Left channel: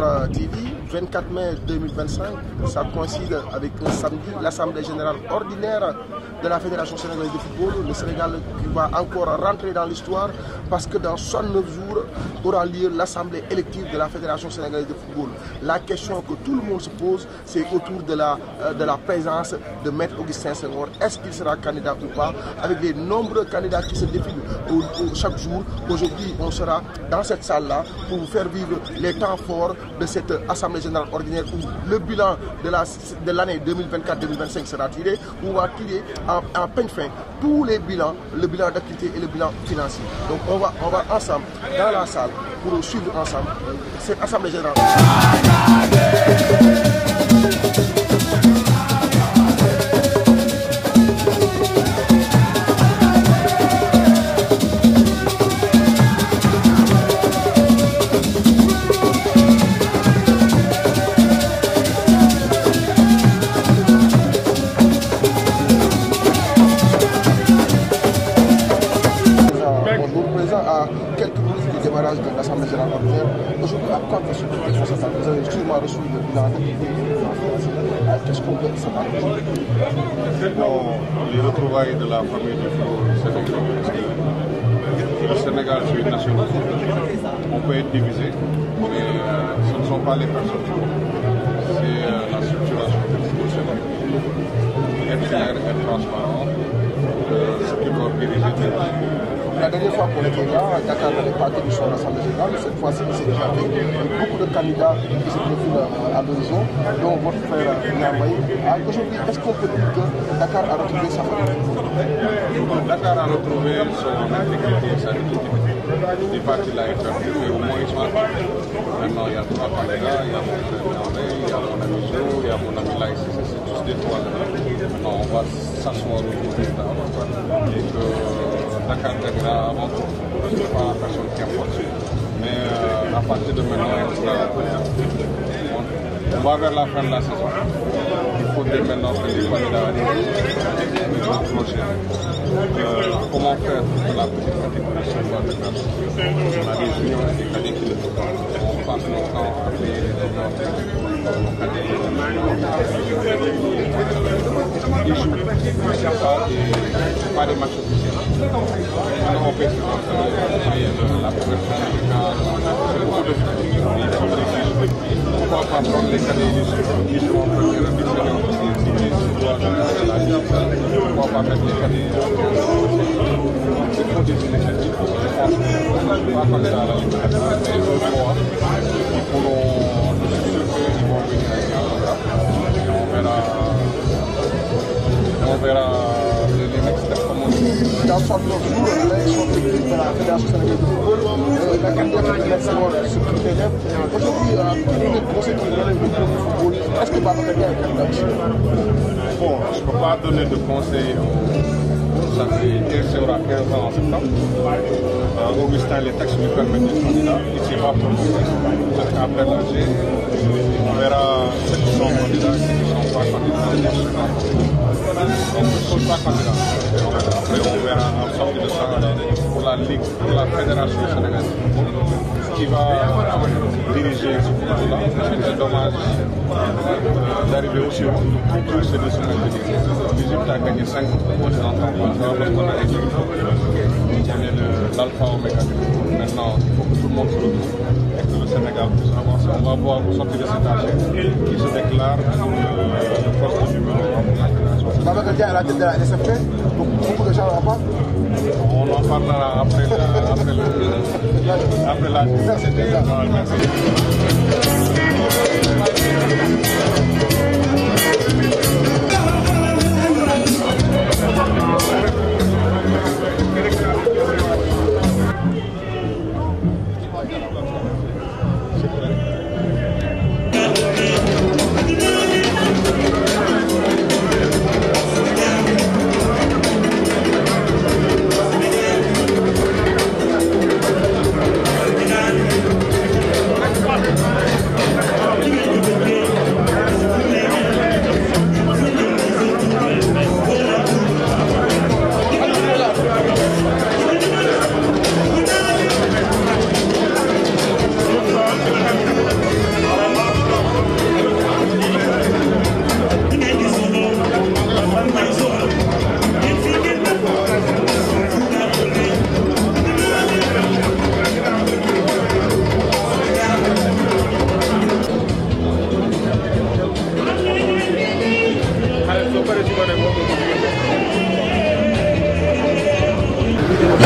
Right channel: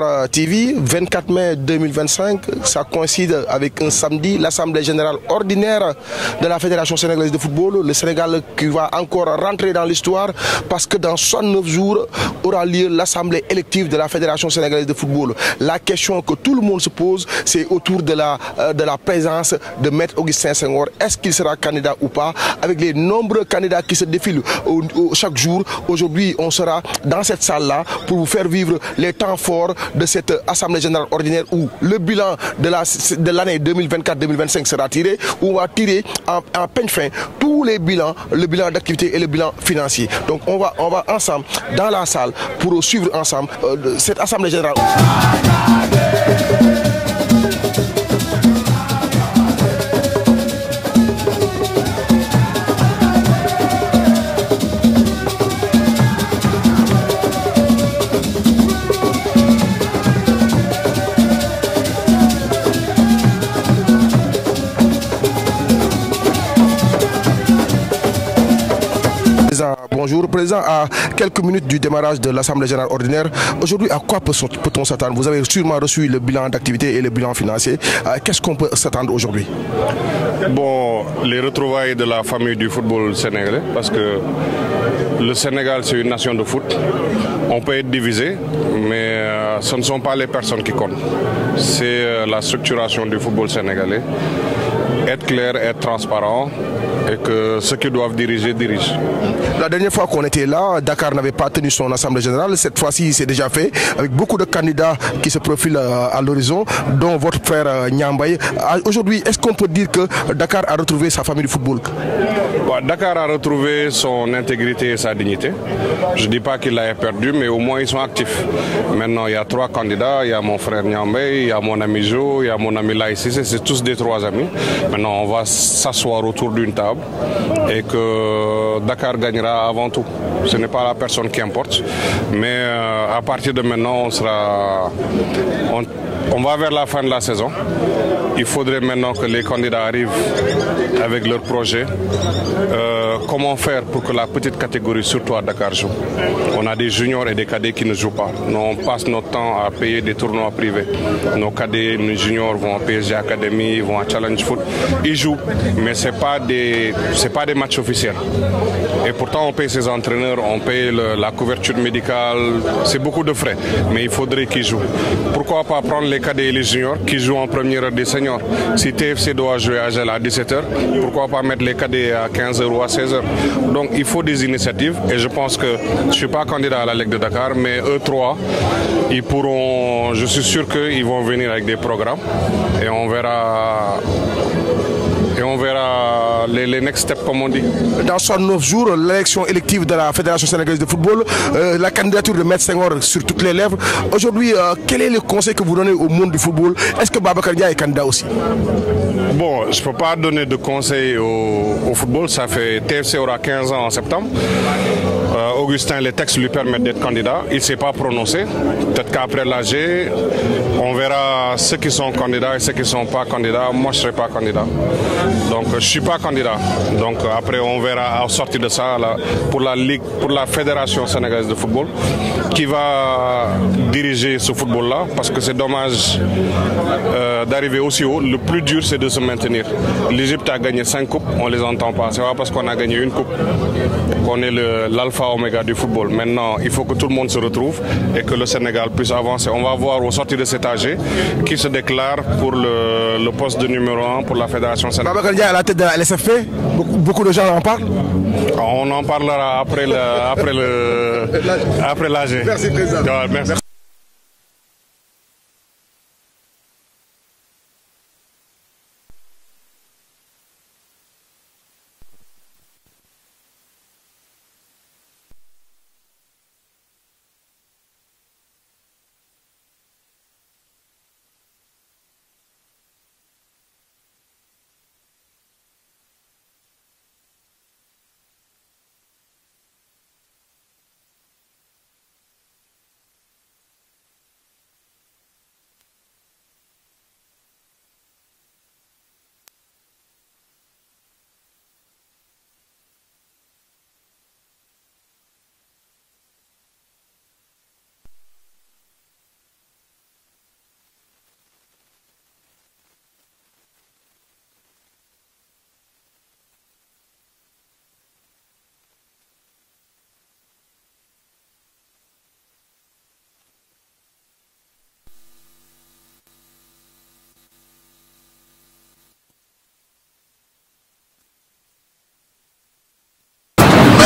Sport TV, 24 mai 2025, ça coïncide avec un samedi, l'Assemblée générale ordinaire de la Fédération sénégalaise de football. Le Sénégal qui va encore rentrer dans l'histoire parce que dans 69 jours aura lieu l'Assemblée élective de la Fédération sénégalaise de football. La question que tout le monde se pose, c'est autour de la présence de Maître Augustin Senghor. Est-ce qu'il sera candidat ou pas? Avec les nombreux candidats qui se défilent chaque jour, aujourd'hui on sera dans cette salle-là pour vous faire vivre les temps forts de cette Assemblée générale ordinaire où le bilan de l'année 2024-2025 sera tiré, où on va tirer en peigne fin tous les bilans, le bilan d'activité et le bilan financier. Donc on va ensemble dans la salle pour suivre ensemble cette Assemblée générale. Président, à quelques minutes du démarrage de l'Assemblée générale ordinaire, aujourd'hui, à quoi peut-on s'attendre? Vous avez sûrement reçu le bilan d'activité et le bilan financier. Qu'est-ce qu'on peut s'attendre aujourd'hui? Bon, les retrouvailles de la famille du football sénégalais, parce que le Sénégal, c'est une nation de foot. On peut être divisé, mais ce ne sont pas les personnes qui comptent. C'est la structuration du football sénégalais. Être clair, être transparent et que ceux qui doivent diriger, dirigent. La dernière fois qu'on était là, Dakar n'avait pas tenu son assemblée générale. Cette fois-ci, c'est déjà fait, avec beaucoup de candidats qui se profilent à l'horizon, dont votre frère Niambaye. Aujourd'hui, est-ce qu'on peut dire que Dakar a retrouvé sa famille de football? Bon, Dakar a retrouvé son intégrité et sa dignité. Je ne dis pas qu'il l'a perdu, mais au moins ils sont actifs. Maintenant, il y a 3 candidats. Il y a mon frère Niambaye, il y a mon ami Jo, il y a mon ami Laïs. C'est tous des 3 amis. Maintenant, on va s'asseoir autour d'une table et que Dakar gagnera avant tout. Ce n'est pas la personne qui importe, mais à partir de maintenant, on va vers la fin de la saison. Il faudrait maintenant que les candidats arrivent avec leur projet. Comment faire pour que la petite catégorie, surtout à Dakar, joue? On a des juniors et des cadets qui ne jouent pas. Nous, on passe notre temps à payer des tournois privés. Nos cadets, nos juniors vont à PSG Academy, vont à Challenge Foot. Ils jouent, mais ce n'est pas des matchs officiels. Et pourtant, on paye ses entraîneurs, on paye la couverture médicale. C'est beaucoup de frais, mais il faudrait qu'ils jouent. Pourquoi pas prendre les cadets et les juniors qui jouent en première heure des seniors? Si TFC doit jouer à Gela à 17h, pourquoi pas mettre les cadets à 15h ou à 16h? Donc il faut des initiatives et je pense que je ne suis pas candidat à la Ligue de Dakar, mais eux 3, ils pourront, je suis sûr qu'ils vont venir avec des programmes et on verra les next steps comme on dit. Dans 69 jours, l'élection élective de la Fédération sénégalaise de football, la candidature de Maître Senghor sur toutes les lèvres. Aujourd'hui, quel est le conseil que vous donnez au monde du football? Est-ce que Babacar Dia est candidat aussi? Bon, je ne peux pas donner de conseils au football. Ça fait TFC aura 15 ans en septembre. Augustin, les textes lui permettent d'être candidat. Il ne s'est pas prononcé. Peut-être qu'après l'AG, on verra ceux qui sont candidats et ceux qui ne sont pas candidats. Moi, je ne serai pas candidat. Donc, je ne suis pas candidat. Donc, après, on verra à sortir de ça là, pour la Ligue, pour la Fédération sénégalaise de football, qui va diriger ce football-là. Parce que c'est dommage d'arriver aussi haut. Le plus dur, c'est de se maintenir. L'Égypte a gagné 5 coupes, on ne les entend pas. C'est pas parce qu'on a gagné une coupe qu'on est l'alpha oméga du football. Maintenant, il faut que tout le monde se retrouve et que le Sénégal puisse avancer. On va voir au sortir de cet AG qui se déclare pour le poste de numéro 1 pour la Fédération sénégalaise. Babacar Dia à la tête de la LSFP, beaucoup de gens en parlent. On en parlera après l'AG. Merci, président. Merci.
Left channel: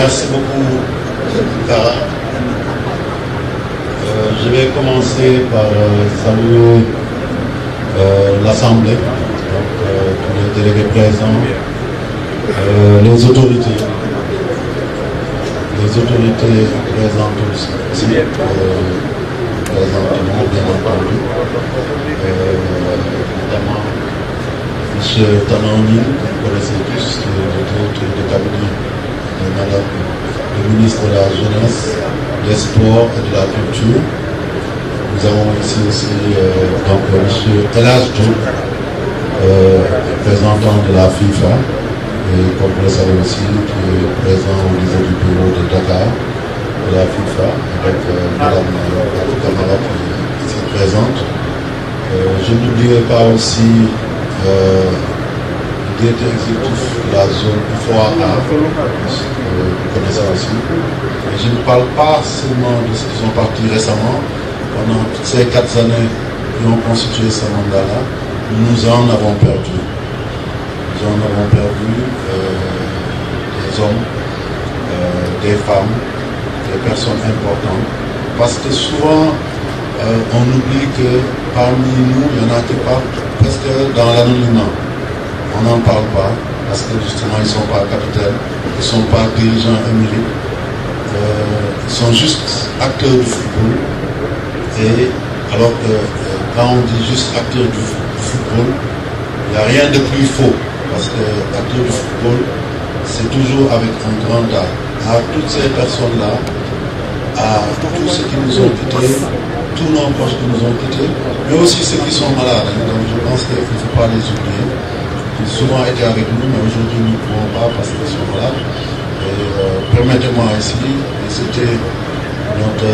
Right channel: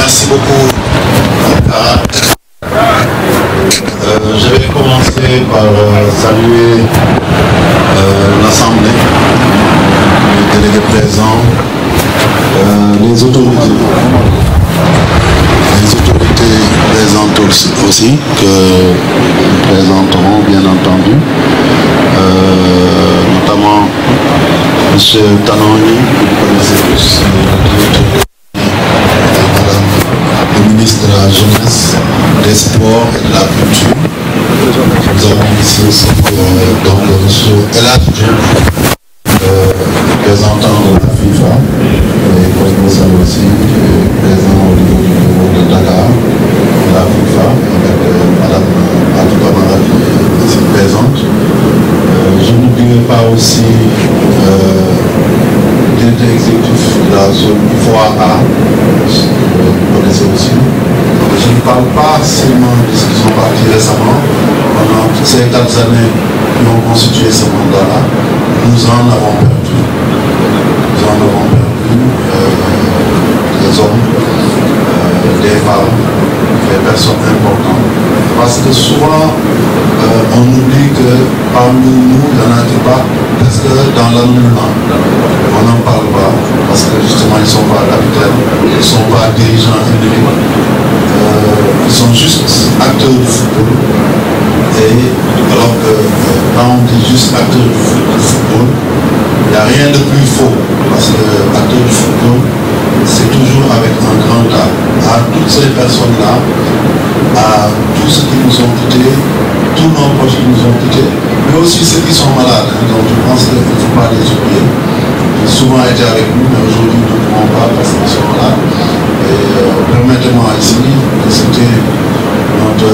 Merci beaucoup, Ankara. Je vais commencer par saluer l'Assemblée, les délégués présents, les autorités présentes aussi, que nous présenterons bien entendu, notamment M. Tanoni, que vous connaissez tous, le directeur du cabinet, et madame le ministre de la Jeunesse, des Sports et de la Culture. Nous avons ici aussi donc M. Elad Djouf, représentant de la FIFA, et comme vous savez aussi, présent au niveau du bureau de Dakar, de la FIFA, avec madame Atou Kamara qui est ici présente. Je n'oublierai pas aussi le directeur exécutif de la zone IFOA-A, que vous connaissez aussi. Je ne parle pas seulement de ce qui sont partis récemment. Pendant toutes ces 4 années qui ont constitué ce mandat-là, nous en avons perdu. Nous en avons perdu des hommes, des femmes, des personnes importantes. Parce que souvent, on oublie que parmi nous, il y en a qui partent presque dans l'anonymat. On n'en parle pas parce que justement ils ne sont pas capitaines, ils ne sont pas dirigeants émérites, ils sont juste acteurs du football. Et alors que quand on dit juste acteur du football, il n'y a rien de plus faux parce que acteur du football, c'est toujours avec un grand A. À toutes ces personnes-là, à tous ceux qui nous ont quittés, tous nos proches qui nous ont quittés, mais aussi ceux qui sont malades. Donc je pense qu'il ne faut pas les oublier. Ils ont souvent été avec nous, mais aujourd'hui nous ne pouvons pas parce qu'ils sont malades. Et permettez-moi ici de citer notre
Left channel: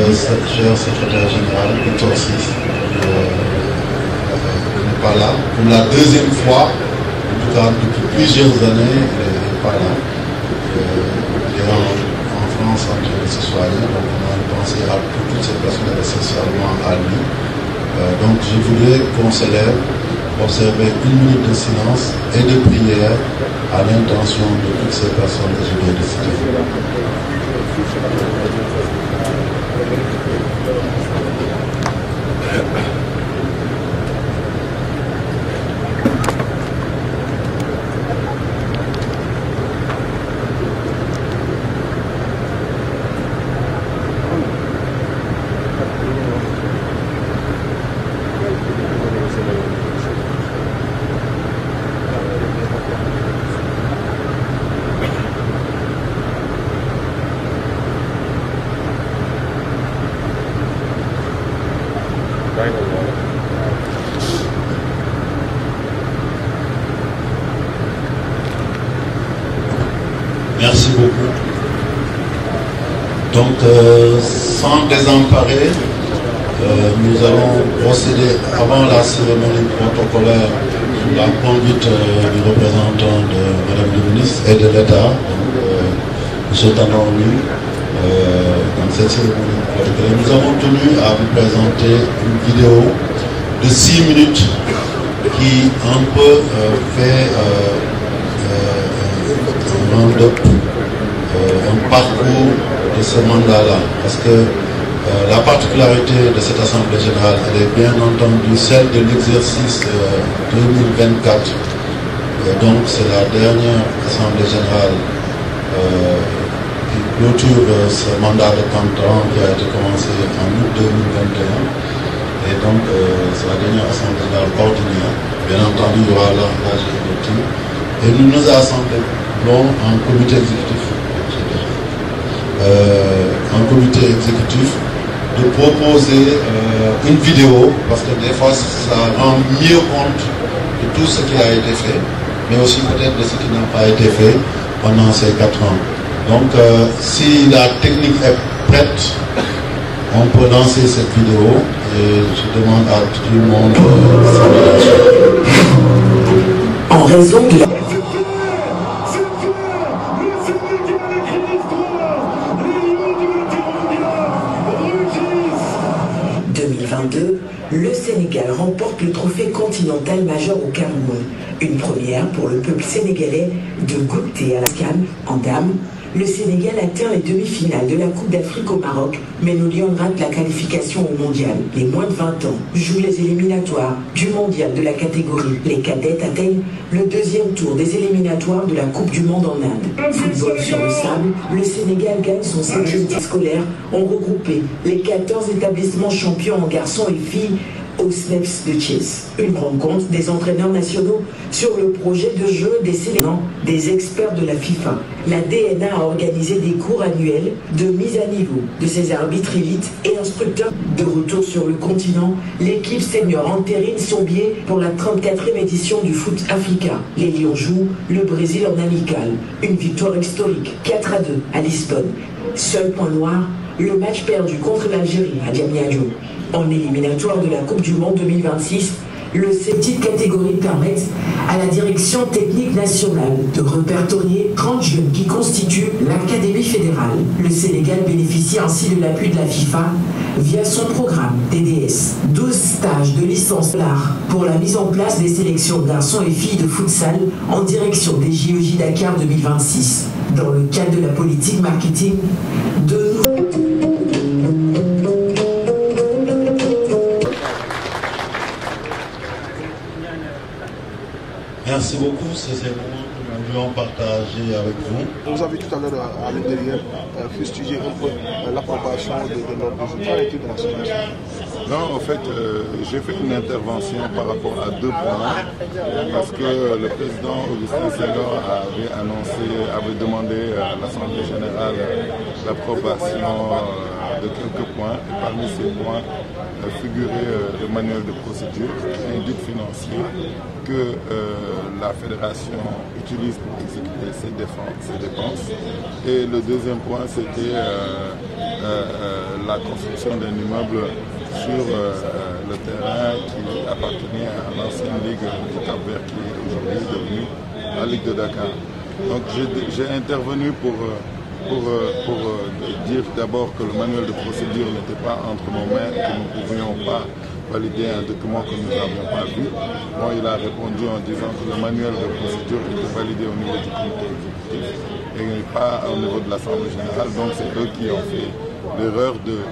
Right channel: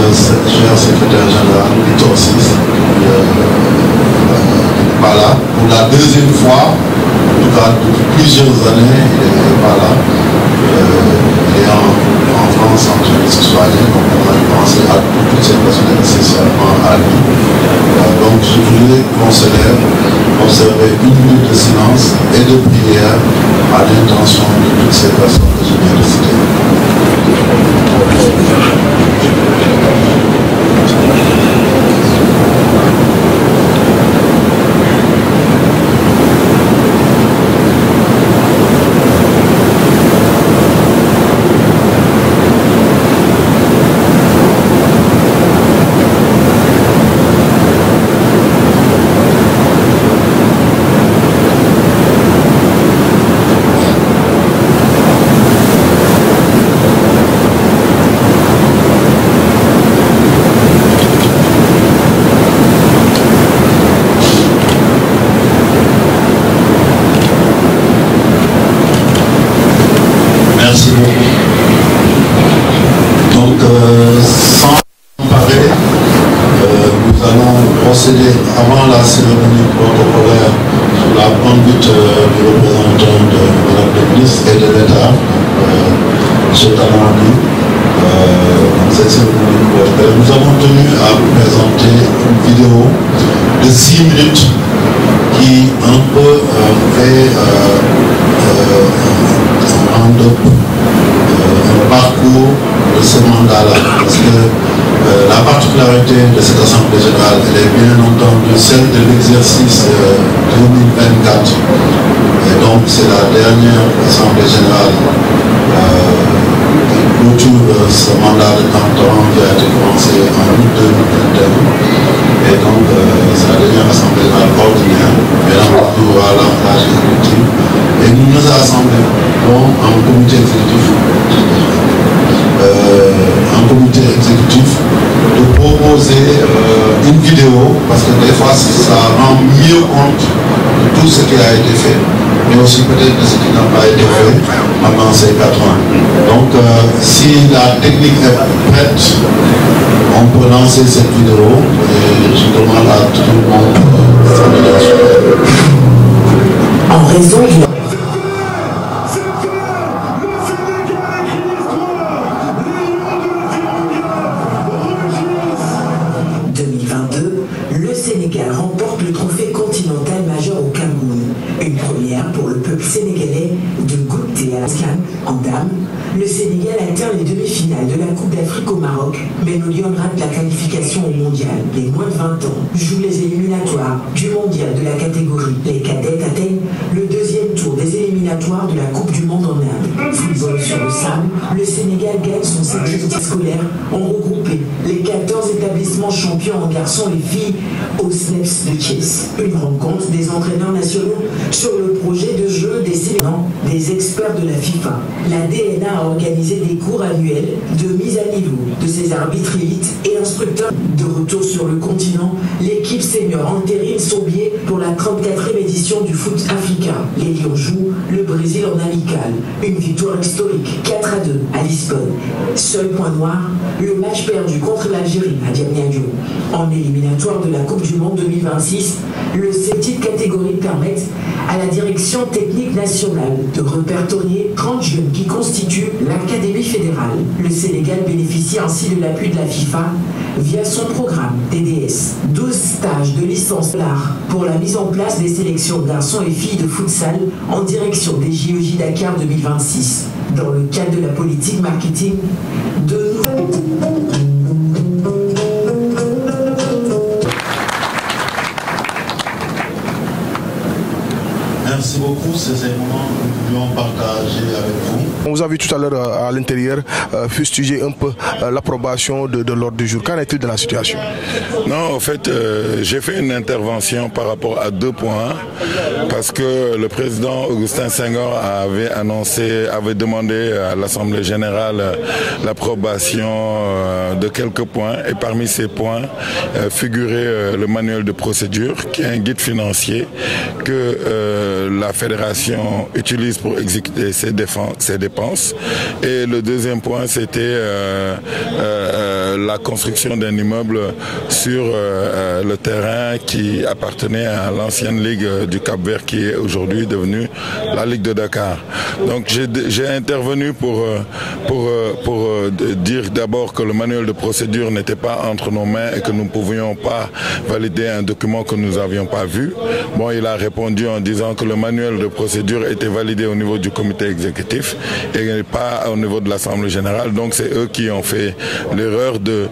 cher secrétaire général, Victor Sis, qui n'est pas là. Pour la deuxième fois, en tout cas depuis plusieurs années, il n'est pas là. Il est en France en touriste soigné, donc on a pensé à toutes ces personnes essentiellement à lui. Donc je voulais qu'on s'élève, observer 1 minute de silence et de prière à l'intention de toutes ces personnes que je viens de citer. Merci beaucoup. Donc, sans désemparer, nous allons procéder avant la cérémonie protocolaire sous la conduite du représentant de Madame le ministre et de l'État, M. Talani. Dans cette cérémonie protocolaire, nous avons tenu à vous présenter une vidéo de 6 minutes qui un peu fait un parcours de ce mandat-là. Parce que la particularité de cette Assemblée générale, elle est bien entendu celle de l'exercice 2024. Et donc c'est la dernière Assemblée générale qui clôture ce mandat de canton qui a été commencé en août 2021. Et donc c'est la dernière Assemblée générale ordinaire. Bien entendu, il y aura l'âge exécutif. Et nous nous assemblons en comité exécutif de proposer une vidéo, parce que des fois ça rend mieux compte de tout ce qui a été fait, mais aussi peut-être de ce qui n'a pas été fait pendant ces 4 ans. Donc si la technique est prête, on peut lancer cette vidéo et je demande à tout le monde en raison de 2022, le Sénégal remporte le trophée continental majeur au Cameroun. Une première pour le peuple sénégalais de goût connecté à la CAN en dames, le Sénégal atteint les demi-finales de la Coupe d'Afrique au Maroc, mais nos Lions ratent la qualification au mondial. Les moins de 20 ans jouent les éliminatoires du mondial de la catégorie. Les cadettes atteignent le deuxième tour des éliminatoires de la Coupe du Monde en Inde. Football sur le sable, le Sénégal gagne son 5e titre scolaire en regroupé les 14 établissements champions en garçons et filles au SNEPS de Thiès. Une rencontre des entraîneurs nationaux sur le projet de jeu des sélections des experts de la FIFA. La DNA a organisé des cours annuels de mise à niveau de ses arbitres élites et instructeurs. De retour sur le continent, l'équipe senior entérine son billet pour la 34e édition du foot africain. Les Lions jouent le Brésil en amical. Une victoire historique, 4-2 à Lisbonne. Seul point noir, le match perdu contre l'Algérie à Diamniadio. En éliminatoire de la Coupe du Monde 2026, le petites catégories permettent à la direction technique nationale de répertorier 30 jeunes qui constituent l'Académie fédérale. Le Sénégal bénéficie ainsi de l'appui de la FIFA via son programme TDS. 12 stages de licence l'art pour la mise en place des sélections garçons et filles de futsal en direction des JOJ Dakar 2026. Dans le cadre de la politique marketing de Merci beaucoup, ces éléments que nous voulions partager avec vous. On vous a vu tout à l'heure à l'intérieur fustiger un peu l'approbation de l'ordre du jour. Qu'en est-il de la situation? Non, en fait, j'ai fait une intervention par rapport à 2 points parce que le président Augustin Senghor avait demandé à l'Assemblée générale l'approbation de quelques points et parmi ces points figurait le manuel de procédure qui est un guide financier que la fédération utilise pour exécuter ses dépenses. Et le deuxième point, c'était la construction d'un immeuble sur le terrain qui appartenait à l'ancienne Ligue du Cap-Vert qui est aujourd'hui devenue la Ligue de Dakar. Donc j'ai intervenu pour dire d'abord que le manuel de procédure n'était pas entre nos mains et que nous ne pouvions pas valider un document que nous n'avions pas vu. Bon, il a répondu en disant que le manuel de procédure était validé au niveau du comité exécutif et pas au niveau de l'Assemblée générale. Donc c'est eux qui ont fait l'erreur de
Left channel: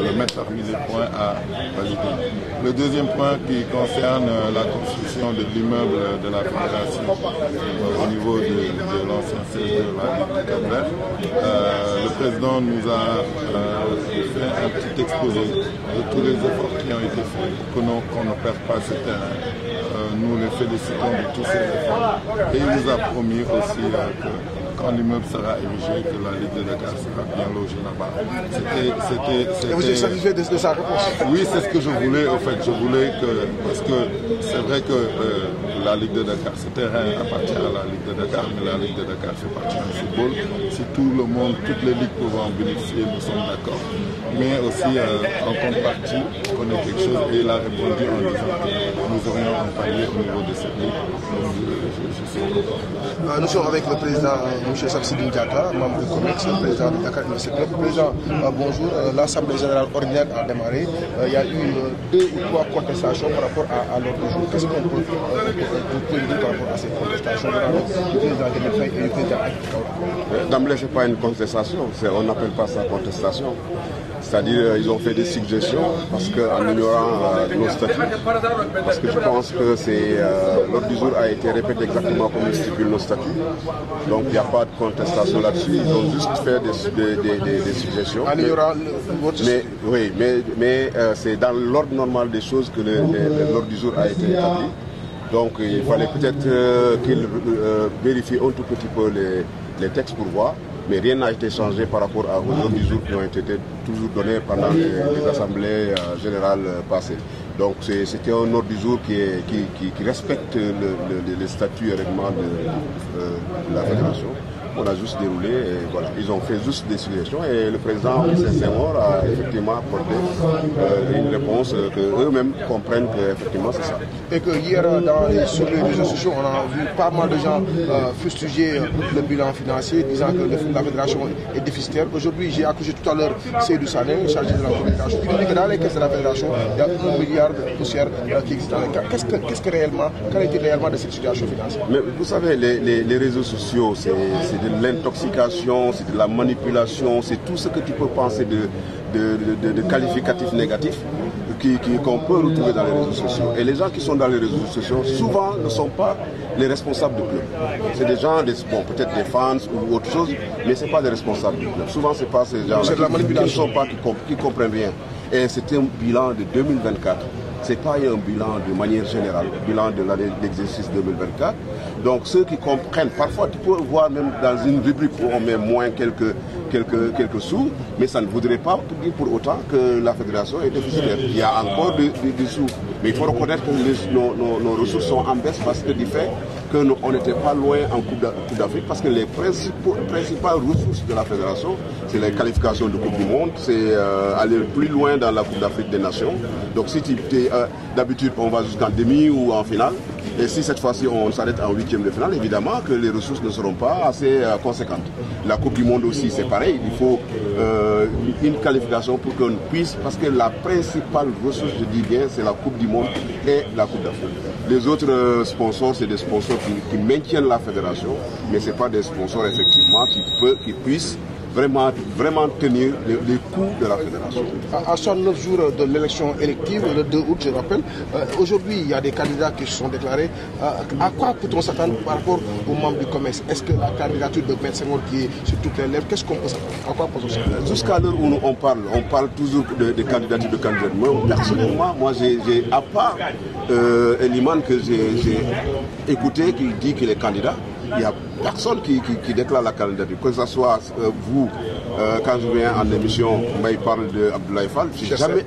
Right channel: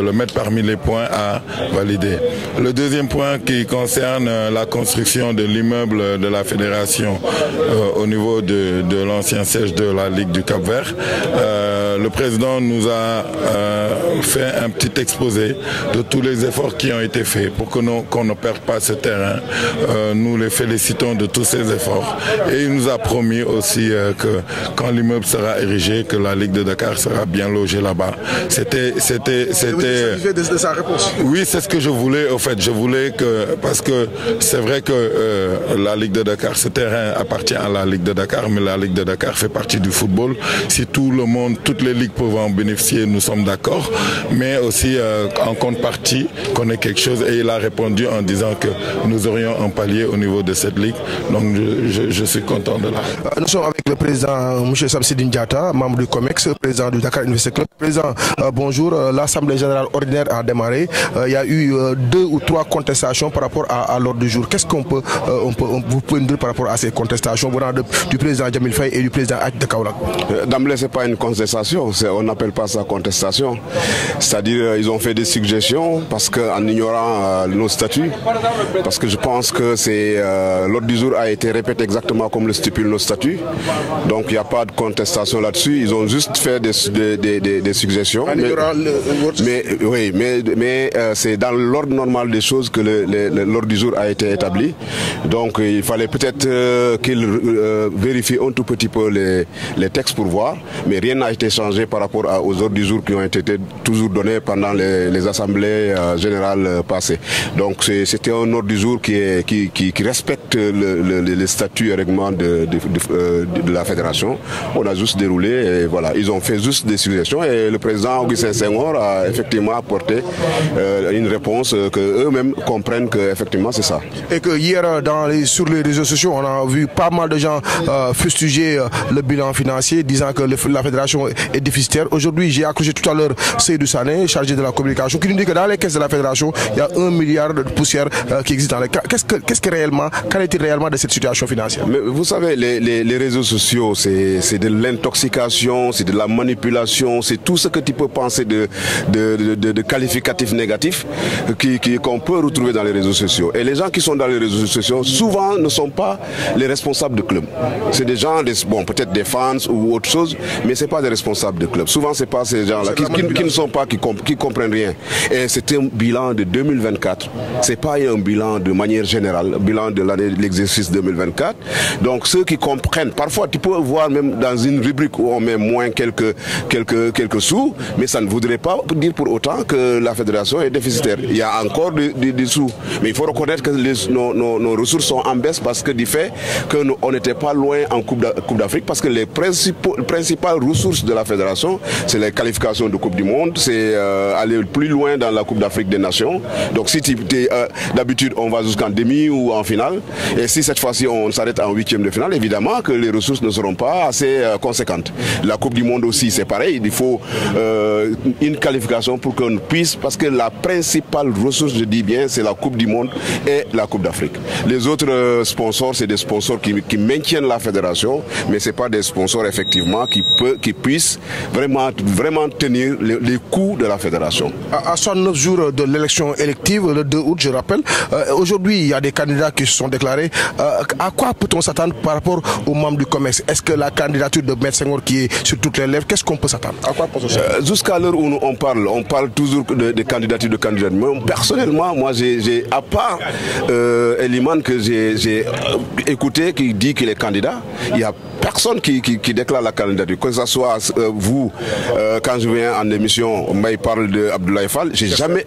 le mettre parmi les points à valider. Le deuxième point qui concerne la construction de l'immeuble de la fédération au niveau de l'ancien siège de la Ligue du Cap-Vert, le président nous a fait un petit exposé de tous les efforts qui ont été faits pour qu'on ne perde pas ce terrain. Nous les félicitons de tous ces efforts et il nous a promis aussi que quand l'immeuble sera érigé, que la Ligue de Dakar sera bien logée là-bas. Vous êtes satisfait de sa réponse? Oui, c'est ce que je voulais. Au fait, je voulais que, parce que c'est vrai que la Ligue de Dakar, ce terrain appartient à la Ligue de Dakar, mais la Ligue de Dakar fait partie du football. Si tout le monde, toutes les ligues peuvent en bénéficier, nous sommes d'accord, mais aussi en contrepartie qu'on ait quelque chose. Et il a répondu en disant que nous aurions un palier au niveau de cette ligue. Donc je suis content de la... Nous sommes avec le président M. Samsidine Diatta, membre du COMEX, président du Dakar Université Club. Président, bonjour. L'Assemblée générale ordinaire a démarré. Il y a eu 2 ou 3 contestations par rapport à l'ordre du jour. Qu'est-ce qu'on peut vous pouvez dire par rapport à ces contestations du président Djamil Faye et du président Ak de Kaola? D'emblée, ce n'est pas une contestation, on n'appelle pas ça contestation. C'est-à-dire ils ont fait des suggestions parce qu'en ignorant nos statuts, parce que je pense que l'ordre du jour a été répété exactement comme le stipule nos statuts. Donc il n'y a pas de contestation là-dessus, ils ont juste fait des suggestions. Mais c'est dans l'ordre normal des choses que l'ordre du jour a été établi. Donc il fallait peut-être qu'ils vérifient un tout petit peu les textes pour voir, mais rien n'a été changé par rapport aux ordres du jour qui ont été toujours donnés pendant les assemblées générales passées. Donc c'était un ordre du jour qui respecte les statuts et règlements de la fédération. On a juste déroulé et voilà, ils ont fait juste des suggestions et le président Augustin Senghor a effectivement apporté une réponse que eux-mêmes comprennent que effectivement c'est ça. Et que hier sur les réseaux sociaux on a vu pas mal de gens fustiger publié le bilan financier disant que la fédération est déficitaire. Aujourd'hui, j'ai accroché tout à l'heure Seydou Sané, chargé de la communication, qui nous dit que dans les caisses de la fédération, il y a 1 milliard de poussières qui existent dans les caisses. Qu'en est-il réellement de cette situation financière? Mais vous savez, les réseaux sociaux, c'est de l'intoxication, c'est de la manipulation, c'est tout ce que tu peux penser de qualificatifs négatifs qu'on peut retrouver dans les réseaux sociaux. Et les gens qui sont dans les réseaux sociaux, souvent ne sont pas les responsables de club. C'est des gens, bon, peut-être des fans ou autre chose, mais ce n'est pas des responsables de club. Souvent, ce n'est pas ces gens-là qui ne sont pas, qui comprennent rien. Et c'est un bilan de 2024. Ce n'est pas un bilan de manière générale, un bilan de l'exercice 2024. Donc, ceux qui comprennent, parfois, tu peux voir même dans une rubrique où on met moins quelques sous, mais ça ne voudrait pas dire pour autant que la fédération est déficitaire. Il y a encore des sous. Mais il faut reconnaître que nos ressources sont en baisse parce que du fait qu'on n'était pas loin en Coupe d'Afrique, parce que les principales ressources de la fédération, c'est les qualifications de Coupe du Monde, c'est aller plus loin dans la Coupe d'Afrique des Nations. Donc si d'habitude on va jusqu'en demi ou en finale, et si cette fois-ci on s'arrête en huitième de finale, évidemment que les ressources ne seront pas assez conséquentes. La Coupe du Monde aussi c'est pareil, il faut une qualification pour qu'on puisse, parce que la principale ressource, je dis bien, c'est la Coupe du Monde et la Coupe d'Afrique. Les autres sponsors, c'est des sponsors qui maintiennent la fédération, mais ce n'est pas des sponsors effectivement qui puissent vraiment tenir les coûts de la fédération. À 69 jours de l'élection élective, le 2 août, je rappelle, aujourd'hui il y a des candidats qui se sont déclarés. À quoi peut-on s'attendre par rapport aux membres du COMEX? Est-ce que la candidature de M. Senghor qui est sur toutes les lèvres, qu'est-ce qu'on peut s'attendre? Jusqu'à l'heure où on parle toujours de candidature de candidat. Personnellement, moi j'ai à part Eliman que j'ai écouté qui dit qu'il est candidat, il y a personne qui déclare la candidature, que ce soit vous, quand je viens en émission, il parle de Abdoulaye Fall, j'ai jamais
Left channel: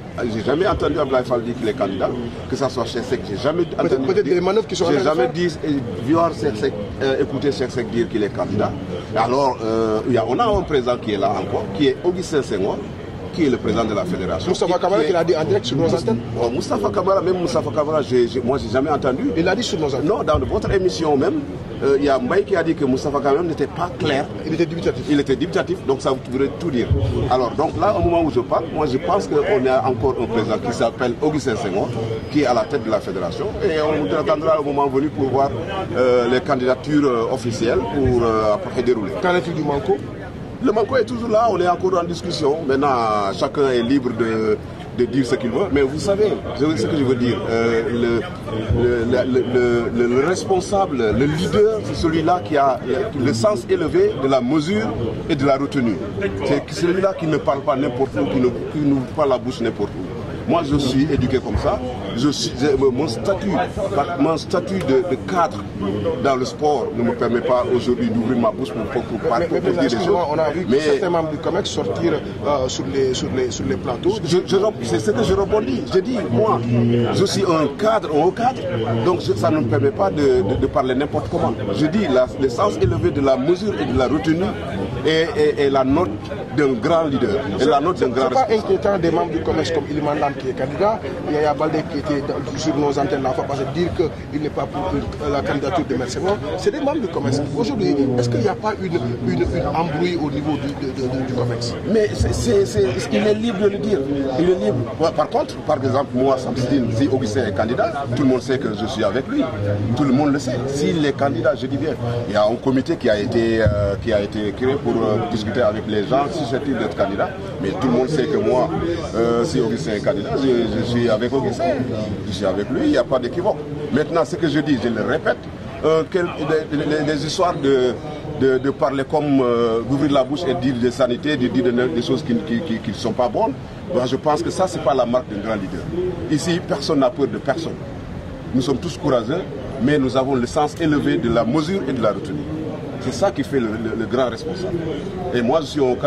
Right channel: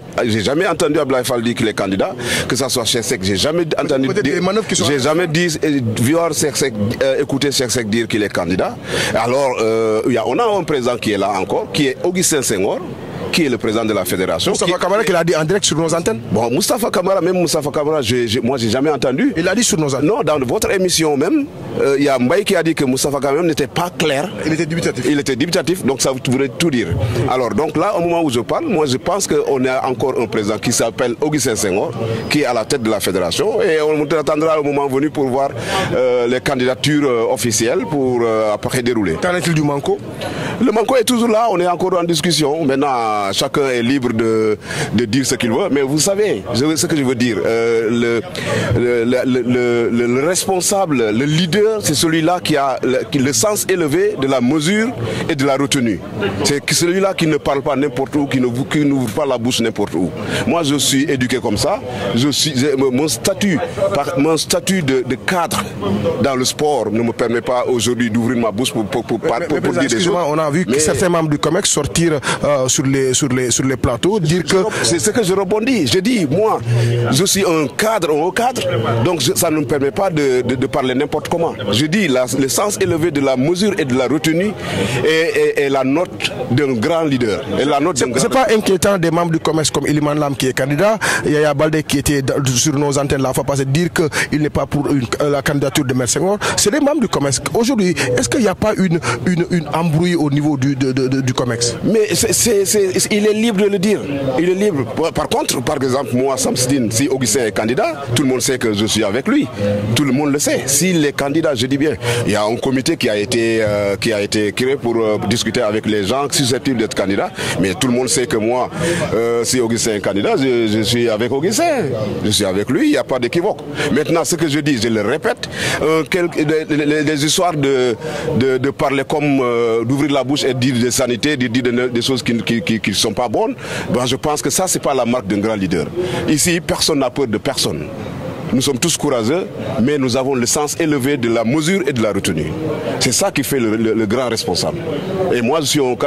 entendu Abdoulaye Fall dire qu'il est candidat, que ce soit Cheikh Seck, j'ai jamais entendu écouter Cheikh Seck dire qu'il est candidat. Alors, on a un président qui est là encore, qui est Augustin Senghor, qui est le président de la fédération. Moustapha Kamara qui l'a dit en direct sur nos antennes. Bon, Moustapha Kamara, moi j'ai jamais entendu. Il l'a dit sur nos antennes. Non, dans votre émission même, il y a Mbaye qui a dit que Moustapha Kamara n'était pas clair. Il était dubitatif. Il était dubitatif, donc ça voudrait tout dire. Alors, donc là, au moment où je parle, moi je pense qu'on a encore un président qui s'appelle Augustin Senghor, qui est à la tête de la fédération, et on attendra le moment venu pour voir les candidatures officielles pour après dérouler. Qu'en est-il du Manko? Le Manko est toujours là, on est encore en discussion. Maintenant, chacun est libre de dire ce qu'il veut. Mais vous savez, ce que je veux dire, le responsable, le leader, c'est celui-là qui a le sens élevé de la mesure et de la retenue. C'est celui-là qui ne parle pas n'importe où, qui n'ouvre pas la bouche n'importe où. Moi, je suis éduqué comme ça. Mon statut de cadre dans le sport ne me permet pas aujourd'hui d'ouvrir ma bouche pour dire des choses. On a vu que certains membres du COMEX sortir sur les plateaux, dire que... C'est ce que je rebondis. Je dis, moi, je suis un cadre, un haut cadre, donc ça ne me permet pas de parler n'importe comment. Je dis, le sens élevé de la mesure et de la retenue est la note d'un grand leader. C'est pas inquiétant des membres du COMEX comme Iliman Lam qui est candidat, Yaya Baldé qui était sur nos antennes la fois passée, dire qu'il n'est pas pour la candidature de M. Senghor. C'est des membres du COMEX. Aujourd'hui, est-ce qu'il n'y a pas une embrouille au niveau du COMEX? Mais il est libre de le dire. Il est libre. Par contre, par exemple, moi, Samsidine, si Augustin est candidat, tout le monde sait que je suis avec lui. Tout le monde le sait. S'il est candidat, je dis bien, il y a un comité qui a été créé pour discuter avec les gens susceptibles d'être candidats. Mais tout le monde sait que moi, si Augustin est candidat, je suis avec Augustin. Je suis avec lui, il n'y a pas d'équivoque. Maintenant, ce que je dis, je le répète, les histoires de parler comme d'ouvrir la bouche et de dire des sanités, de dire des choses qui ne sont pas bonnes, ben je pense que ça, ce n'est pas la marque d'un grand leader. Ici, personne n'a peur de personne. Nous sommes tous courageux, mais nous avons le sens élevé de la mesure et de la retenue. C'est ça qui fait le grand responsable. Et moi, je suis mon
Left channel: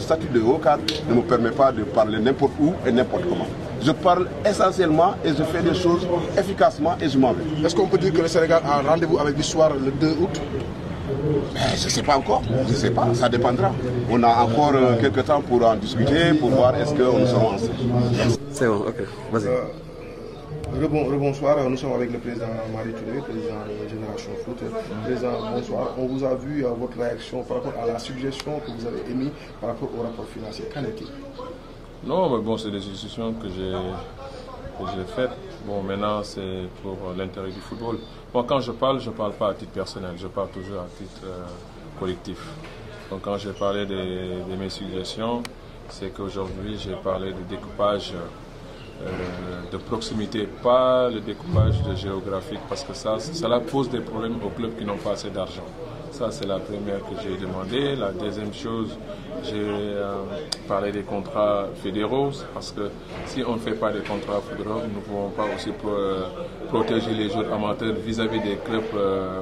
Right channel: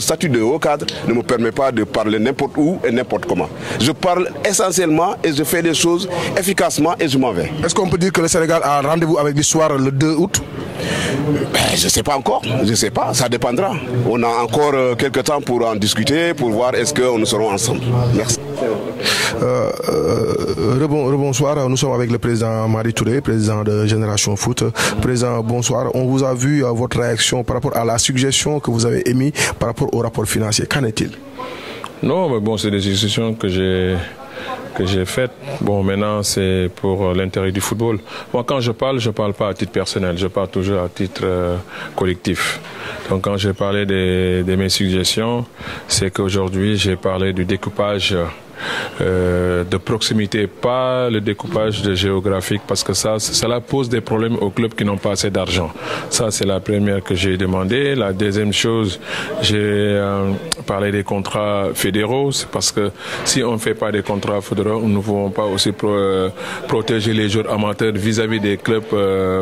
statut de haut cadre ne me permet pas de parler n'importe où et n'importe comment. Je parle essentiellement et je fais des choses efficacement et je m'en vais. Est-ce qu'on peut dire que le Sénégal a rendez-vous avec l'histoire le 2 août? Je ne sais pas encore, je ne sais pas, ça dépendra. On a encore quelques temps pour en discuter, pour voir est-ce que nous serons ensemble. Merci. C'est bon, Rebonsoir, nous sommes avec le président Madi Touré, président de Génération Foot. Président, bonsoir. On vous a vu votre réaction par rapport à la suggestion que vous avez émise par rapport au rapport financier. Qu'en est-il? Non, mais bon, c'est des suggestions que j'ai faites. Bon, maintenant, c'est pour l'intérêt du football. Moi, quand je parle pas à titre personnel, je parle toujours à titre collectif. Donc, quand j'ai parlé de mes suggestions, c'est qu'aujourd'hui, j'ai parlé du découpage de proximité, pas le découpage géographique, parce que cela pose des problèmes aux clubs qui n'ont pas assez d'argent. Ça, c'est la première que j'ai demandé. La deuxième chose, j'ai parlé des contrats fédéraux, parce que si on ne fait pas des contrats fédéraux, nous ne pouvons pas aussi protéger les joueurs amateurs vis-à-vis des clubs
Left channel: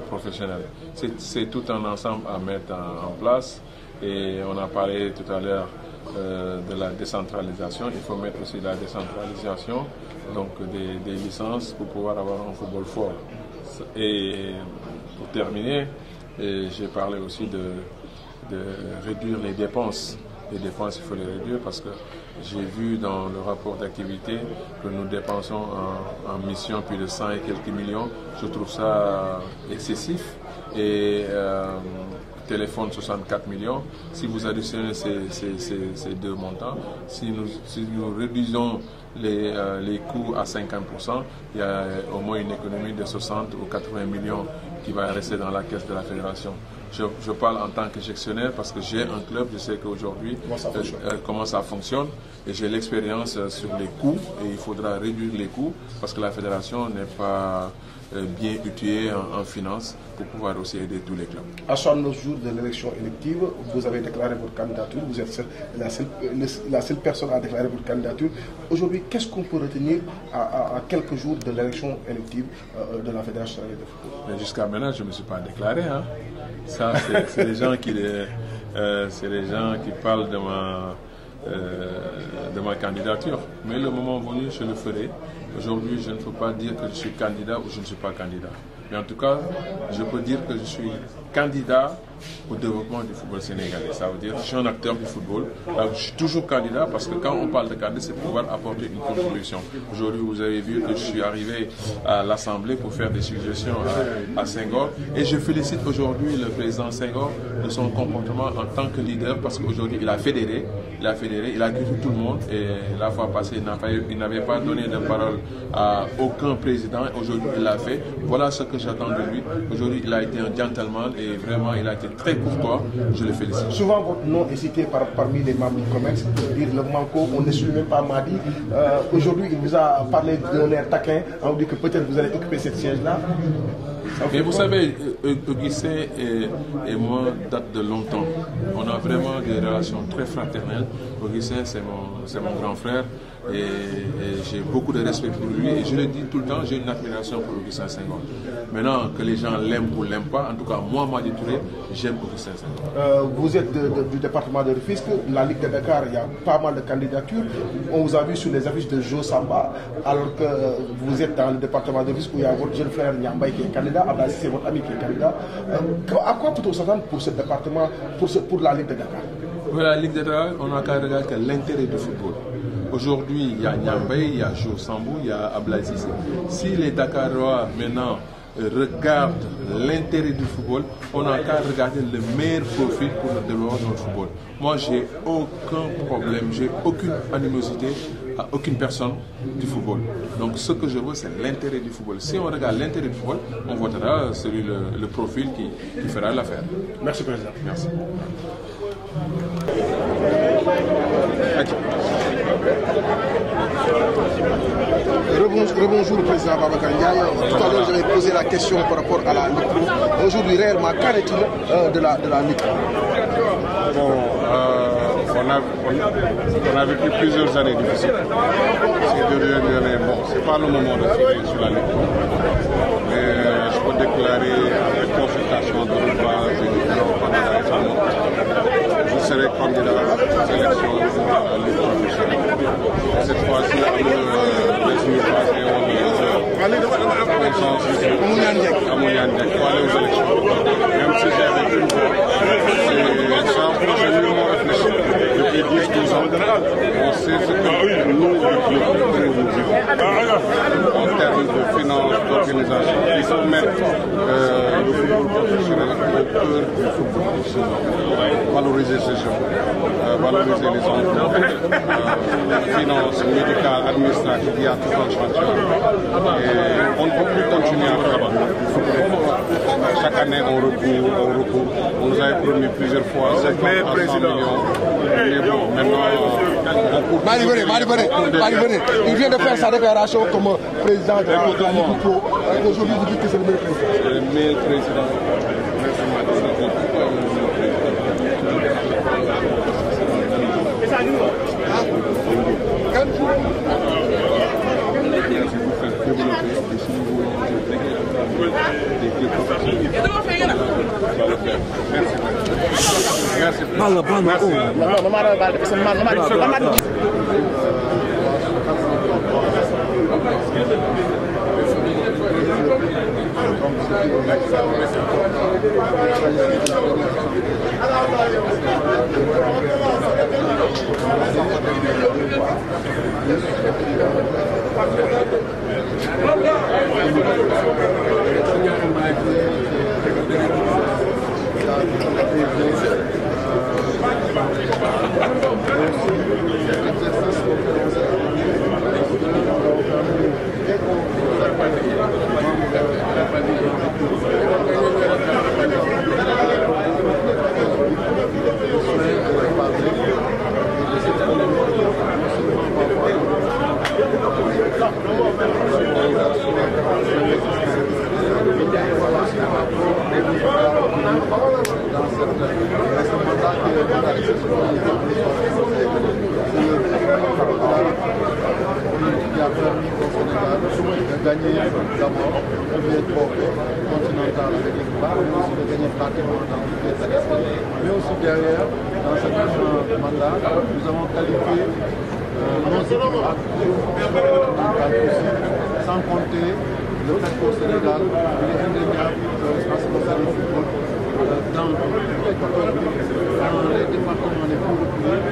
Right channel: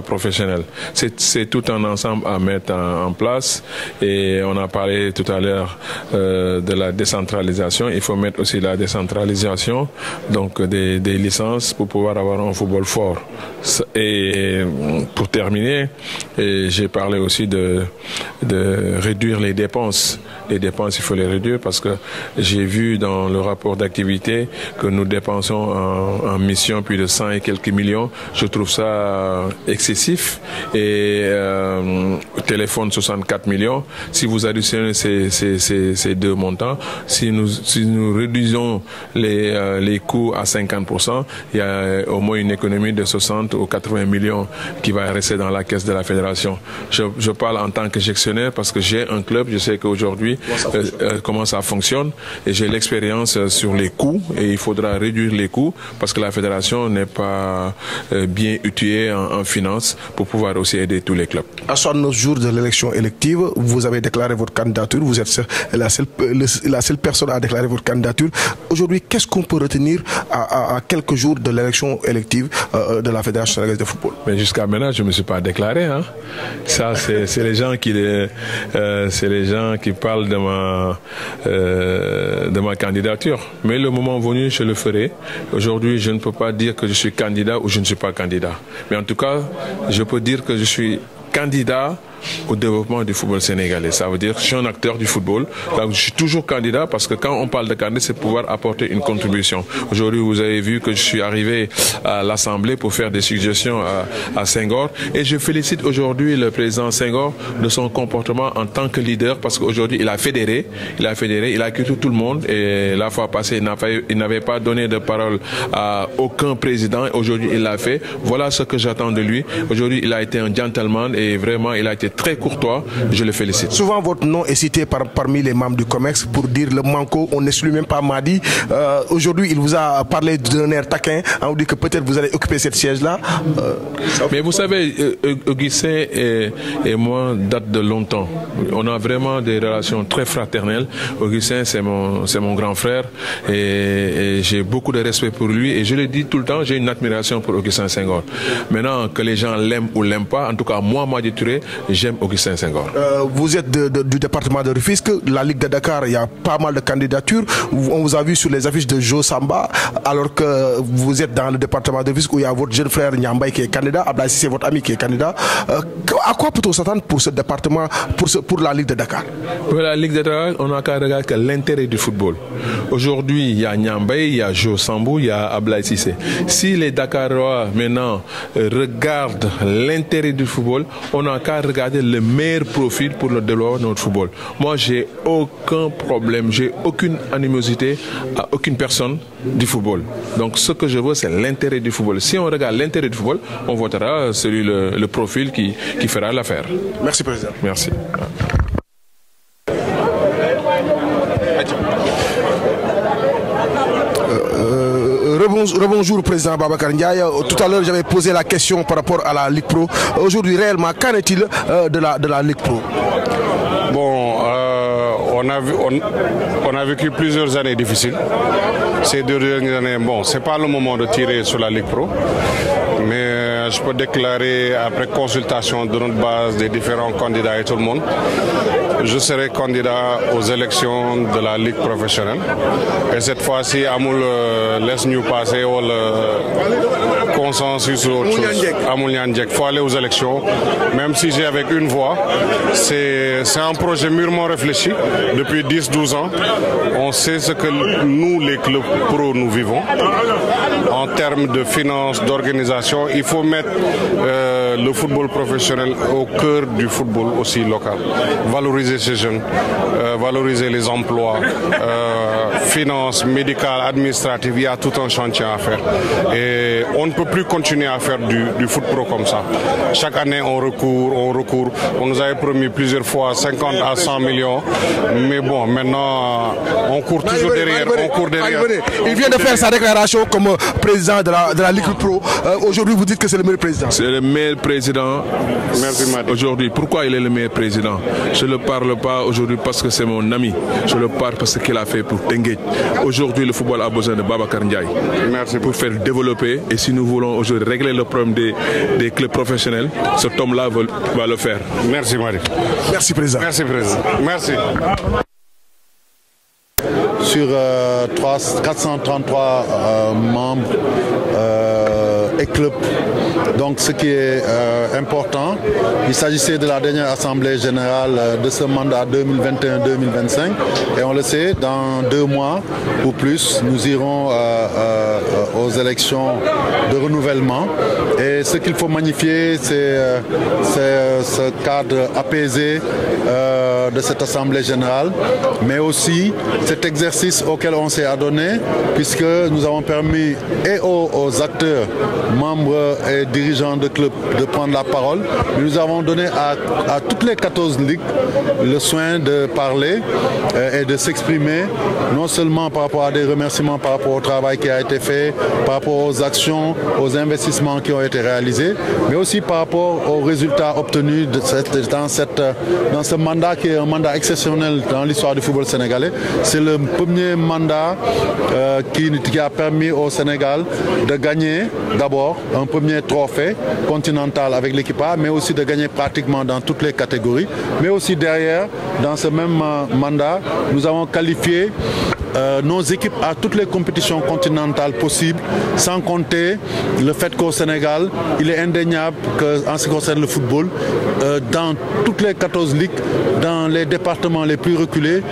professionnels. C'est tout un ensemble à mettre en place, et on a parlé tout à l'heure de la décentralisation. Il faut mettre aussi la décentralisation, donc des licences pour pouvoir avoir un football fort. Et pour terminer, j'ai parlé aussi de réduire les dépenses. Les dépenses, il faut les réduire, parce que j'ai vu dans le rapport d'activité que nous dépensons en mission plus de 100 et quelques millions. Je trouve ça excessif. Et au téléphone, 64 millions. Si vous additionnez ces deux montants, si nous réduisons les coûts à 50%, il y a au moins une économie de 60 ou 80 millions qui va rester dans la caisse de la fédération. Je parle en tant que gestionnaire, parce que j'ai un club, je sais qu'aujourd'hui comment ça fonctionne, et j'ai l'expérience sur les coûts, et il faudra réduire les coûts, parce que la fédération n'est pas bien outillée en finances pour pouvoir aussi aider tous les clubs. À 69 jours de l'élection élective, vous avez déclaré votre candidature, vous êtes la seule personne à déclarer votre candidature. Aujourd'hui, qu'est-ce qu'on peut retenir à quelques jours de l'élection élective de la Fédération sénégalaise de football? Mais jusqu'à maintenant, je ne me suis pas déclaré. Hein. Ça, c'est les gens qui parlent de ma candidature. Mais le moment venu, je le ferai. Aujourd'hui, je ne peux pas dire que je suis candidat ou je ne suis pas candidat. Mais en tout cas, je peux dire que je suis candidat au développement du football sénégalais. Ça veut dire que je suis un acteur du football. Donc, je suis toujours candidat, parce que quand on parle de candidat, c'est pouvoir apporter une contribution. Aujourd'hui, vous avez vu que je suis arrivé à l'Assemblée pour faire des suggestions à Senghor. Et je félicite aujourd'hui le président Senghor de son comportement en tant que leader, parce qu'aujourd'hui, il a fédéré, il a quitté tout le monde. Et la fois passée, il n'avait pas donné de parole à aucun président. Aujourd'hui, il l'a fait. Voilà ce que j'attends de lui. Aujourd'hui, il a été un gentleman, et vraiment, il a été très courtois, je le félicite. Souvent, votre nom est cité parmi les membres du COMEX pour dire le manco, on n'exclut même pas Madi. Aujourd'hui, il vous a parlé d'un air taquin, on dit que peut-être vous allez occuper cette siège-là. Mais vous savez, Augustin et moi datent de longtemps. On a vraiment des relations très fraternelles. Augustin, c'est mon grand frère, et j'ai beaucoup de respect pour lui, et je le dis tout le temps, j'ai une admiration pour Augustin Senghor. Maintenant, que les gens l'aiment ou l'aiment pas, en tout cas, moi, Madi Touré, j'aime Augustin Senghor. Vous êtes du département de Rufisque, la Ligue de Dakar, il y a pas mal de candidatures. On vous a vu sur les affiches de Joe Samba, alors que vous êtes dans le département de Rufisque où il y a votre jeune frère Nyambay qui est candidat, Ablaï, c'est votre ami qui est candidat. À quoi peut-on s'attendre pour ce département, pour la Ligue de Dakar? Pour la Ligue de Dakar, on n'a qu'à regarder l'intérêt du football. Aujourd'hui, il y a Nyambay, il y a Joe Sambou, il y a Ablaï Cissé. Si les Dakarois maintenant regardent l'intérêt du football, on n'a qu'à regarder le meilleur profil pour le développement de notre football. Moi, j'ai aucun problème, j'ai aucune animosité à aucune personne du football. Donc, ce que je veux, c'est l'intérêt du football. Si on regarde l'intérêt du football, on votera celui le profil qui fera l'affaire. Merci, Président. Merci. Rebonjour, Président Babacar Ndiaye. Tout à l'heure, j'avais posé la question par rapport à la Ligue Pro. Aujourd'hui, réellement, qu'en est-il de la Ligue Pro? Bon, on a vécu plusieurs années difficiles. Ces 2 dernières années, bon, c'est pas le moment de tirer sur la Ligue Pro, mais je peux déclarer, après consultation de notre base des différents candidats et tout le monde, je serai candidat aux élections de la Ligue professionnelle. Et cette fois-ci, laisse-nous passer au consensus. Il faut aller aux élections, même si j'ai avec une voix. C'est un projet mûrement réfléchi depuis 10-12 ans. on sait ce que nous, les clubs pro, nous vivons. En termes de finances, d'organisation, il faut mettre le football professionnel au cœur du football aussi local. Valoriser ces jeunes, valoriser les emplois, finances, médicales, administratives, il y a tout un chantier à faire. Et on ne peut plus continuer à faire du foot pro comme ça. Chaque année, on recourt. On nous avait promis plusieurs fois 50 à 100 millions. Mais bon, maintenant, on court toujours derrière. Il vient de faire sa déclaration comme président de la Ligue Pro. Aujourd'hui, vous dites que c'est le meilleur président. C'est le meilleur président aujourd'hui. Pourquoi il est le meilleur président? Je ne parle pas aujourd'hui parce que c'est mon ami. Je le parle parce qu'il a fait pour Tenguet. Aujourd'hui, le football a besoin de Babacar Ndiaye pour faire développer. Et si nous voulons aujourd'hui régler le problème des clubs professionnels, cet homme-là va le faire. Merci, Marie. Merci, président. Merci, président. Merci. Sur 433 membres et clubs. Donc ce qui est important, il s'agissait de la dernière assemblée générale de ce mandat 2021-2025 et on le sait, dans 2 mois ou plus, nous irons aux élections de renouvellement et ce qu'il faut magnifier, c'est ce cadre apaisé de cette assemblée générale, mais aussi cet exercice auquel on s'est adonné, puisque nous avons permis et aux acteurs, membres et dirigeants de clubs de prendre la parole. Nous avons donné à toutes les 14 ligues le soin de parler et de s'exprimer, non seulement par rapport à des remerciements, par rapport au travail qui a été fait, par rapport aux actions, aux investissements qui ont été réalisés, mais aussi par rapport aux résultats obtenus dans ce mandat qui est un mandat exceptionnel dans l'histoire du football sénégalais. C'est le premier mandat qui a permis au Sénégal de gagner d'abord un premier trophée continental avec l'équipe A, mais aussi de gagner pratiquement dans toutes les catégories. Mais aussi derrière, dans ce même mandat, nous avons qualifié nos équipes à toutes les compétitions continentales possibles, sans compter le fait qu'au Sénégal, il est indéniable qu'en ce qui concerne le football, dans toutes les 14 ligues, dans les départements les plus reculés,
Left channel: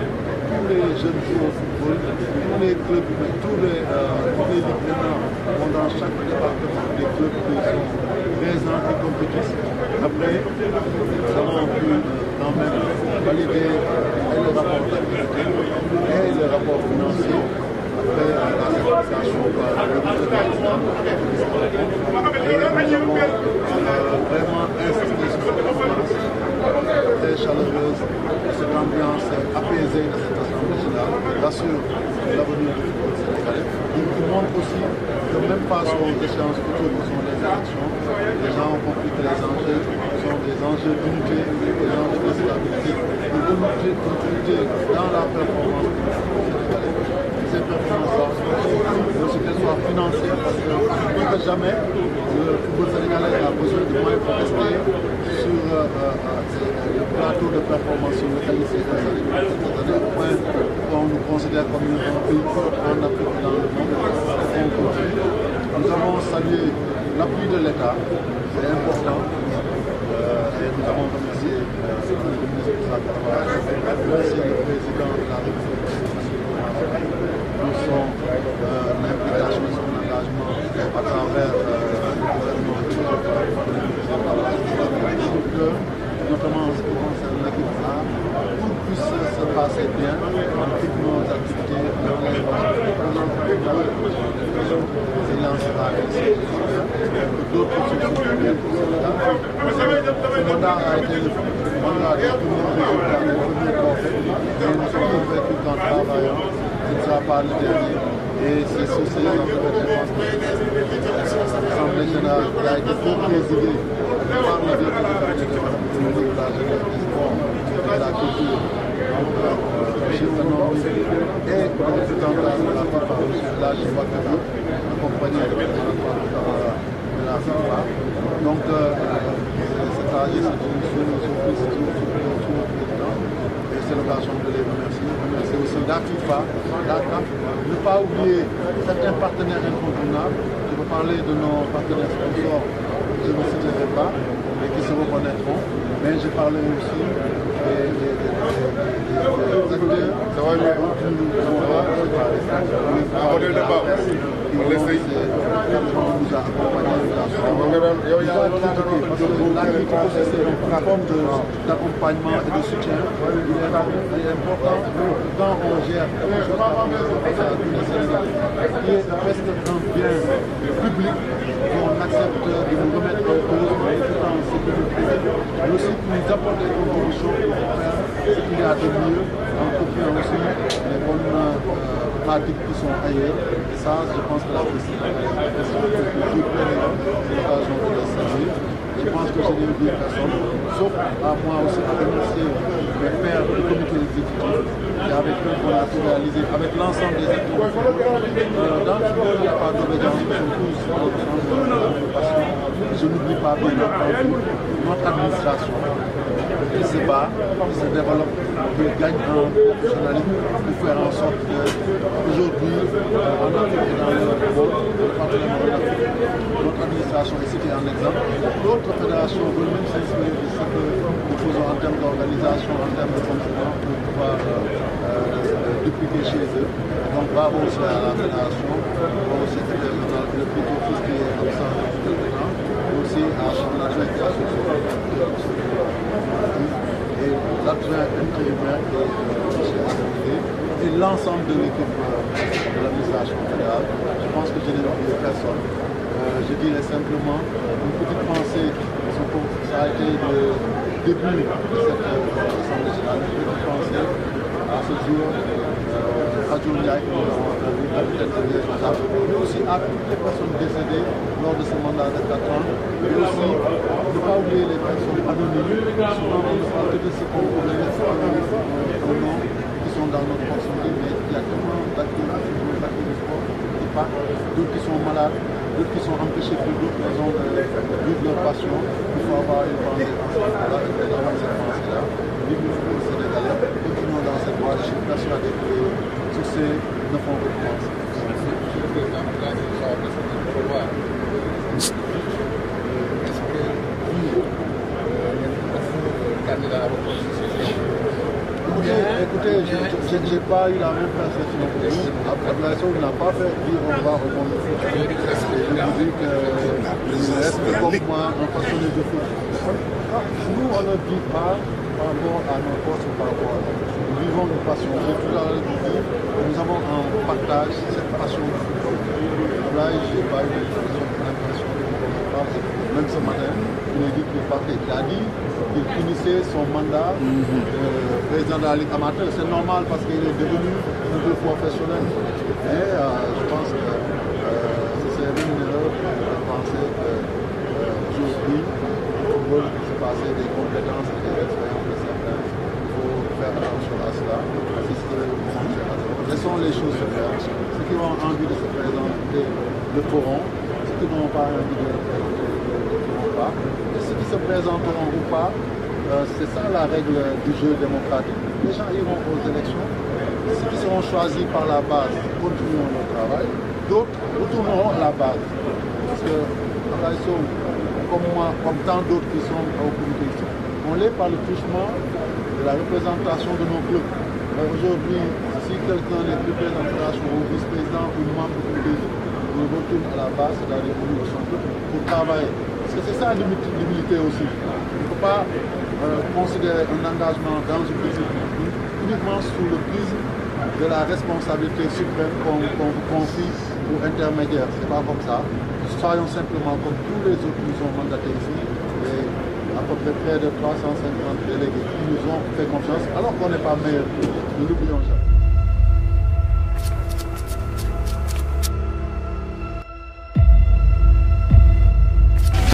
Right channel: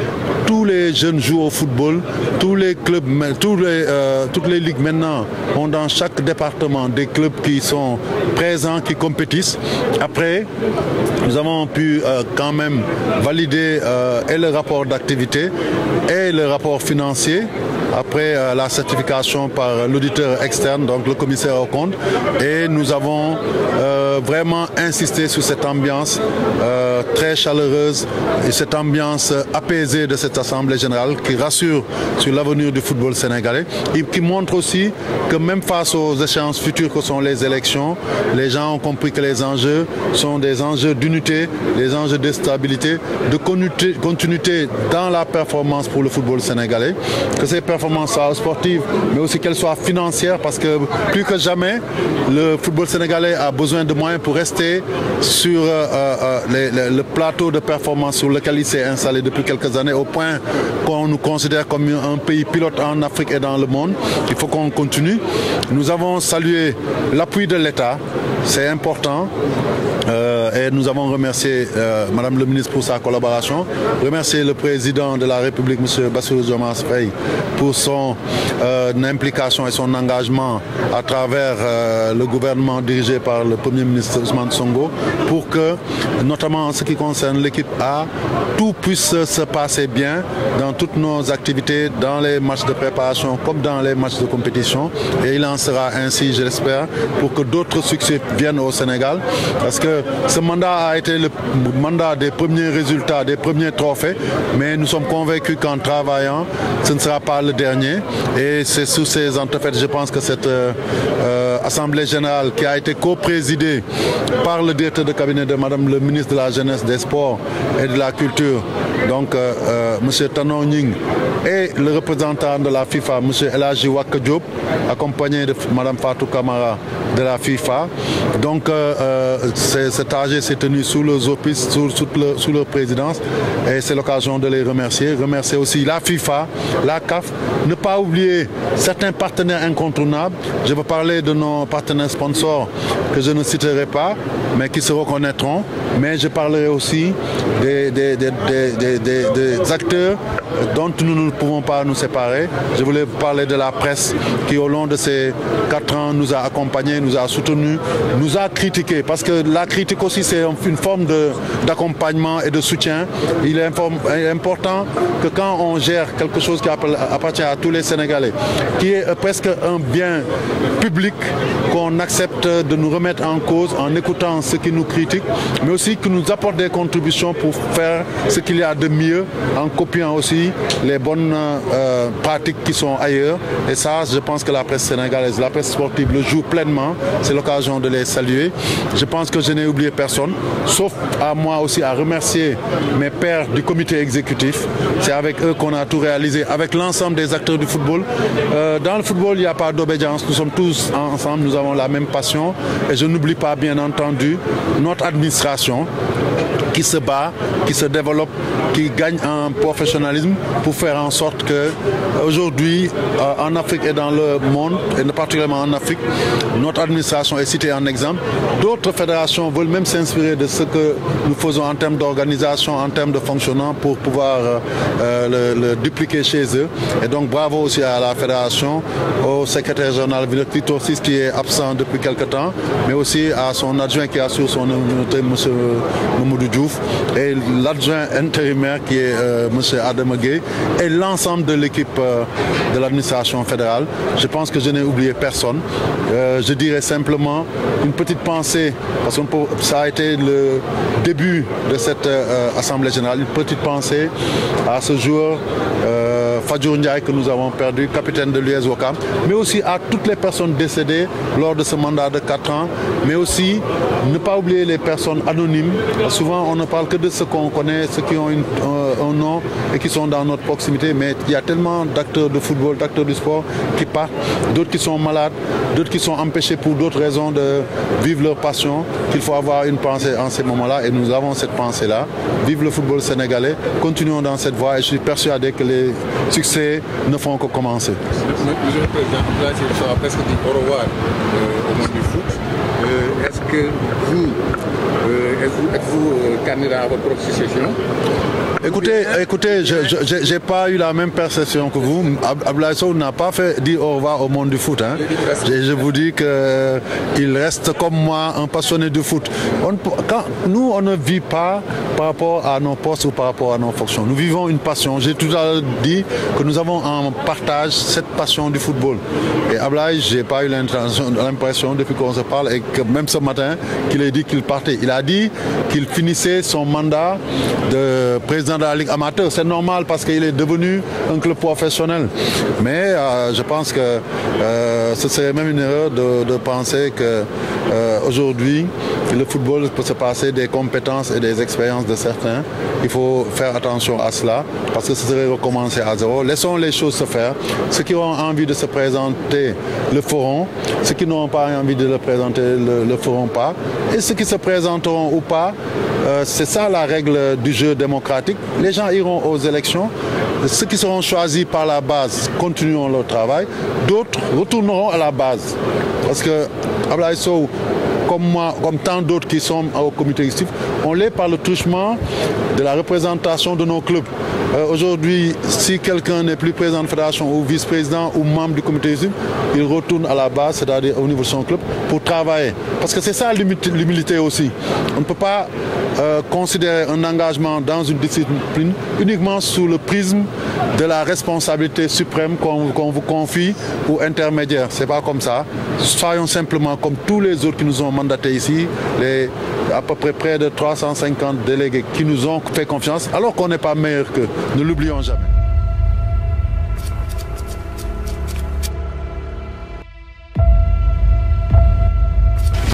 tous les jeunes jouent au football, tous les clubs, toutes les ligues maintenant ont dans chaque département des clubs qui sont présents, qui compétissent. Après, nous avons pu quand même valider et le rapport d'activité et le rapport financier. Après la certification par l'auditeur externe, donc le commissaire aux comptes. Et nous avons vraiment insisté sur cette ambiance très chaleureuse et cette ambiance apaisée de cette Assemblée générale qui rassure sur l'avenir du football sénégalais et qui montre aussi que même face aux échéances futures que sont les élections, les gens ont compris que les enjeux sont des enjeux d'unité, des enjeux de stabilité, de continuité dans la performance pour le football sénégalais, que ces performances soient sportives, mais aussi qu'elles soient financières, parce que plus que jamais, le football sénégalais a besoin de moyens pour rester sur le plateau de performance sur lequel il s'est installé depuis quelques années, au point qu'on nous considère comme un pays pilote en Afrique et dans le monde. Il faut qu'on continue. Nous avons salué l'appui de l'État, c'est important. Et nous avons remercié Madame le ministre pour sa collaboration, remercier le président de la République, M. Bassirou Diomaye Faye, pour son implication et son engagement à travers le gouvernement dirigé par le Premier ministre Ousmane Sonko, pour que, notamment en ce qui concerne l'équipe A, tout puisse se passer bien dans toutes nos activités, dans les matchs de préparation comme dans les matchs de compétition. Et il en sera ainsi, je l'espère, pour que d'autres succès viennent au Sénégal, parce que ce mandat a été le mandat des premiers résultats, des premiers trophées, mais nous sommes convaincus qu'en travaillant, ce ne sera pas le dernier. Et c'est sous ces entrefaites, je pense que cette Assemblée générale qui a été co-présidée par le directeur de cabinet de Madame le ministre de la Jeunesse, des Sports et de la Culture, donc M. Tanon Ning, et le représentant de la FIFA, M. Elhaji Waka Diop, accompagné de Mme Fatou Kamara de la FIFA. Donc cet AG s'est tenu sous leurs auspices, sous leur présidence, et c'est l'occasion de les remercier. Remercier aussi la FIFA, la CAF, ne pas oublier certains partenaires incontournables. Je veux parler de nos partenaires sponsors que je ne citerai pas, mais qui se reconnaîtront. Mais je parlerai aussi des acteurs dont nous ne pouvons pas nous séparer. Je voulais parler de la presse qui, au long de ces 4 ans, nous a accompagnés, nous a soutenus, nous a critiqués. Parce que la critique aussi, c'est une forme d'accompagnement et de soutien. Il est important que quand on gère quelque chose qui appartient à tous les Sénégalais, qui est presque un bien public, qu'on accepte de nous remettre en cause en écoutant ceux qui nous critiquent, mais aussi que nous apportent des contributions pour faire ce qu'il y a de mieux, en copiant aussi les bonnes pratiques qui sont ailleurs. Et ça, je pense que la presse sénégalaise, la presse sportive le joue pleinement. C'est l'occasion de les saluer. Je pense que je n'ai oublié personne, sauf à moi aussi à remercier mes pairs du comité exécutif. C'est avec eux qu'on a tout réalisé, avec l'ensemble des acteurs du football. Dans le football, il n'y a pas d'obédience. Nous sommes tous ensemble, nous avons la même passion. Et je n'oublie pas, bien entendu, notre administration qui se bat, qui se développe, qui gagne en professionnalisme pour faire en sorte qu'aujourd'hui, en Afrique et dans le monde, et particulièrement en Afrique, notre administration est citée en exemple. D'autres fédérations veulent même s'inspirer de ce que nous faisons en termes d'organisation, en termes de fonctionnement pour pouvoir le dupliquer chez eux. Et donc bravo aussi à la fédération, au secrétaire général Victor VI qui est absent depuis quelques temps, mais aussi à son adjoint qui assure son immunité, M. Mamoudou Diouf, et l'adjoint intérimaire qui est M. Adam Gueye, et l'ensemble de l'équipe de l'administration fédérale. Je pense que je n'ai oublié personne. Je dirais simplement une petite pensée, parce que ça a été le début de cette Assemblée générale, une petite pensée à ce jour. Fadjour Ndiaye que nous avons perdu, capitaine de l'US Ouakam, mais aussi à toutes les personnes décédées lors de ce mandat de 4 ans, mais aussi ne pas oublier les personnes anonymes. Souvent on ne parle que de ceux qu'on connaît, ceux qui ont un nom et qui sont dans notre proximité, mais il y a tellement d'acteurs de football, d'acteurs du sport qui partent, d'autres qui sont malades, d'autres qui sont empêchés pour d'autres raisons de vivre leur passion, qu'il faut avoir une pensée en ces moments-là, et nous avons cette pensée-là. Vive le football sénégalais, continuons dans cette voie, et je suis persuadé que les succès ne font que commencer. Est-ce que vous êtes-vous candidat à votre succession? Écoutez, je n'ai pas eu la même perception que vous. Abdoulaye Sow n'a pas fait dire au revoir au monde du foot. Hein. Je vous dis qu'il reste comme moi un passionné du foot. Nous, on ne vit pas par rapport à nos postes ou par rapport à nos fonctions. Nous vivons une passion. J'ai tout à l'heure dit que nous avons en partage cette passion du football. Et Abdoulaye, je n'ai pas eu l'impression depuis qu'on se parle, et que même ce matin, qu'il ait dit qu'il partait. Il a dit qu'il finissait son mandat de président de la Ligue amateur. C'est normal parce qu'il est devenu un club professionnel. Mais je pense que ce serait même une erreur de penser qu'aujourd'hui, le football peut se passer des compétences et des expériences de certains. Il faut faire attention à cela parce que ce serait recommencer à zéro. Laissons les choses se faire. Ceux qui auront envie de se présenter le feront. Ceux qui n'auront pas envie de le présenter le feront pas. Et ceux qui se présenteront ou pas, c'est ça la règle du jeu démocratique. Les gens iront aux élections. Ceux qui seront choisis par la base continueront leur travail. D'autres retourneront à la base. Parce que Abdoulaye Sow, comme moi, comme tant d'autres qui sont au comité exécutif, on l'est par le truchement de la représentation de nos clubs. Aujourd'hui, si quelqu'un n'est plus président de fédération ou vice-président ou membre du comité exécutif, il retourne à la base, c'est-à-dire au niveau de son club, pour travailler. Parce que c'est ça l'humilité aussi. On ne peut pas considérer un engagement dans une discipline uniquement sous le prisme de la responsabilité suprême qu'on vous confie ou intermédiaire. C'est pas comme ça. Soyons simplement comme tous les autres qui nous ont mandatés ici, à peu près près de 350 délégués qui nous ont fait confiance, alors qu'on n'est pas meilleur qu'eux. Ne l'oublions jamais.